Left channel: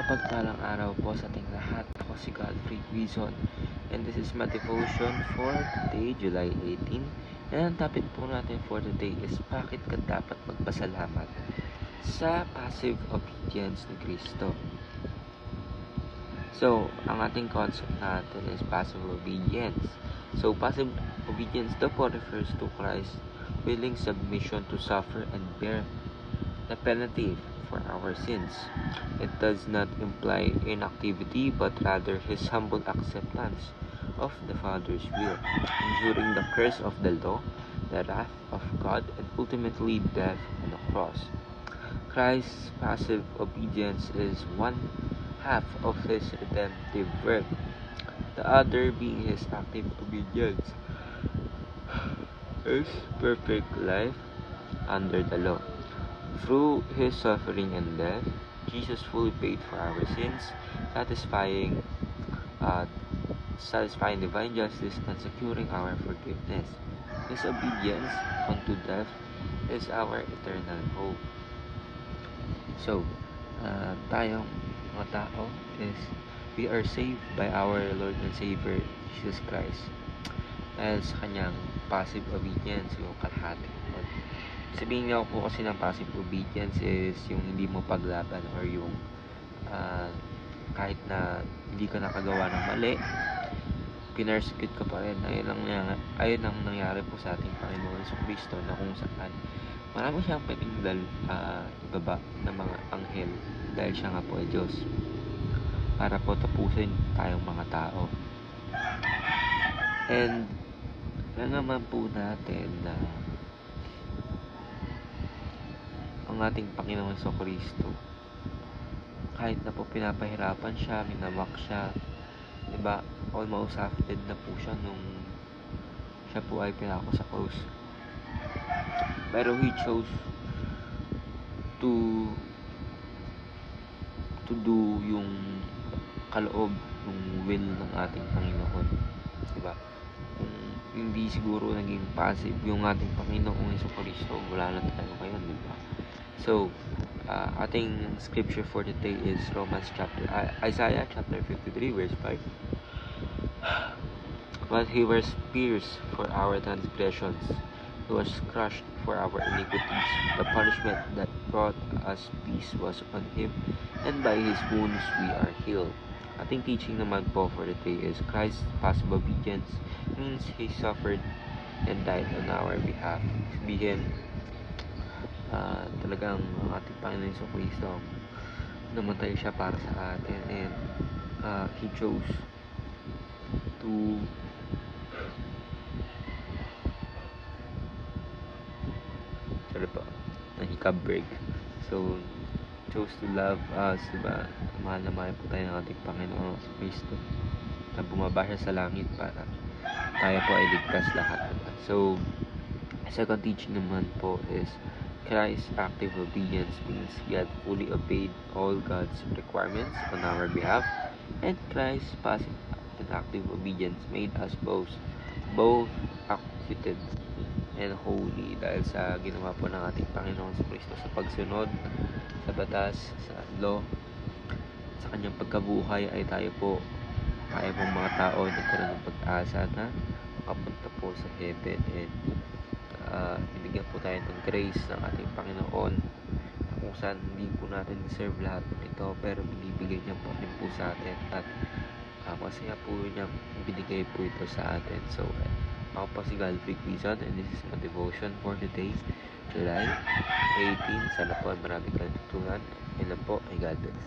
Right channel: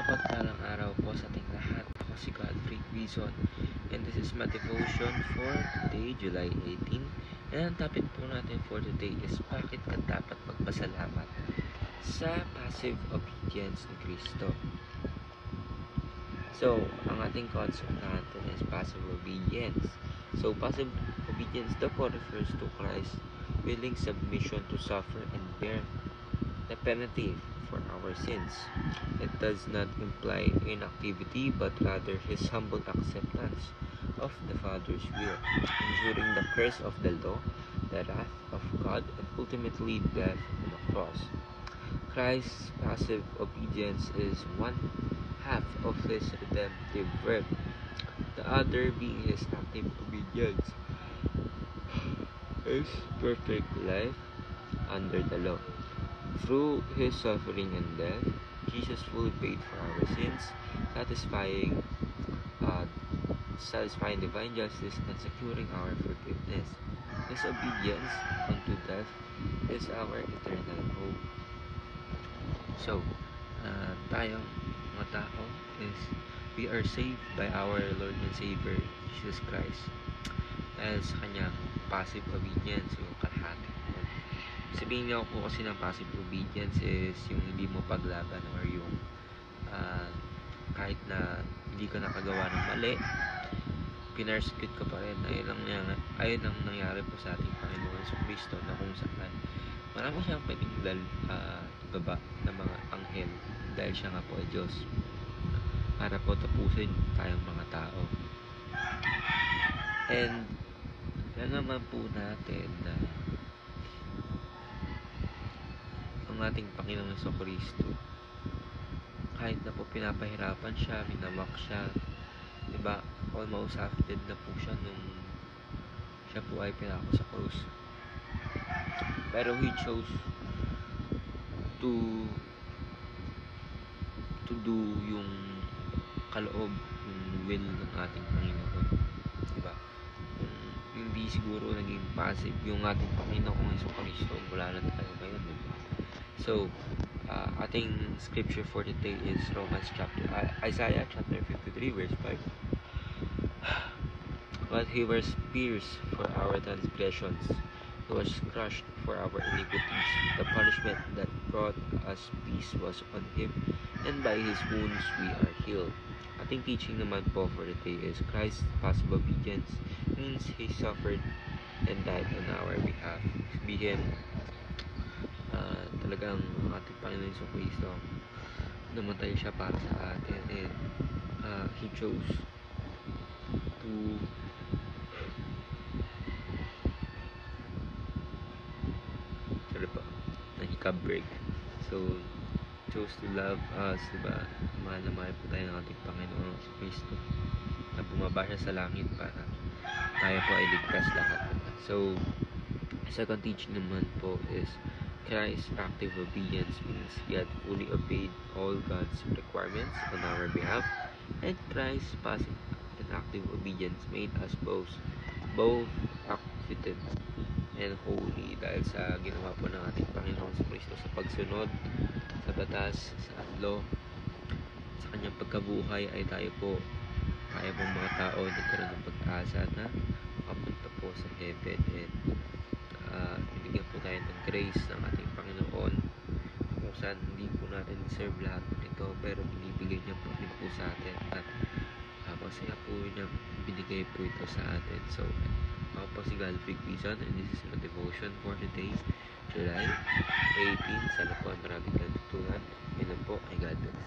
Mapagpalang araw po sa ating lahat. Ako si Godfrey Quizon and this is my devotion for today, July 18. And ang topic po natin for today is bakit ka dapat magpasalamat sa passive obedience ni Kristo. So, ang ating concept natin is passive obedience. So, passive obedience daw po refers to Christ's willing submission to suffer and bear the penalty for our sins. It does not imply inactivity, but rather his humble acceptance of the Father's will, enduring the curse of the law, the wrath of God, and ultimately death on the cross. Christ's passive obedience is one half of his redemptive work, the other being his active obedience, his perfect life under the law. Through his suffering and death, Jesus fully paid for our sins, satisfying divine justice and securing our forgiveness. His obedience unto death is our eternal hope. So, tayong mga tao is we are saved by our Lord and Savior Jesus Christ dahil sa kanyang passive obedience, yung kalahati. Sabihin nga po kasi ng passive obedience is yung hindi mo paglaban or yung kahit na hindi ka nakagawa ng mali, pinersecute ka pa rin. Ayun ang nangyari po sa ating Panginoon sa Kristo, na kung saan marami siyang pwedeng ibaba ng mga anghel dahil siya nga po ay Diyos para po tapusin tayong mga tao. And alam naman po natin na ang ating Panginoon sa Kristo, kahit na po pinapahirapan siya, minamak siya, diba, almost dead na po siya nung siya po ay pinako sa cross, pero he chose to do yung kaloob, yung will ng ating Panginoon, diba? Kung hindi siguro naging passive yung ating Panginoon sa Kristo, wala na tayo ngayon, diba? So, ating scripture for today is Isaiah chapter 53 verse 5. But he was pierced for our transgressions, he was crushed for our iniquities. The punishment that brought us peace was on him, and by his wounds we are healed. Ating teaching naman po for today is Christ's passive obedience means he suffered and died on our behalf. Sabihin, talagang ang ating Panginoon sa Kristo, namatay siya para sa atin, and he chose to break. So, chose to love us, diba? Mahal na mahal po tayo ng ating Panginoon sa Kristo, na bumaba siya sa langit para tayo po ay ligtas lahat. So, second teaching naman po is Christ's active obedience means he had fully obeyed all God's requirements on our behalf, and Christ's passive and active obedience made us both acquitted and holy dahil sa ginawa po ng ating Panginoon sa Kristo sa pagsunod sa batas, sa law, sa kanyang pagkabuhay ay tayo pong mga tao ay nagkaroon ng pag-asa na makapunta po sa heaven, and ibigyan po tayo ng grace ng ating Panginoon kung saan hindi po natin deserve lahat ito, pero binibigay niya po rin po sa atin, at masaya po niya binigay po ito sa atin. So, ako po si Godfrey Quizon and this is my devotion for today, July 18. Sana po ay maraming katutunan. Yan lang po, ay God bless.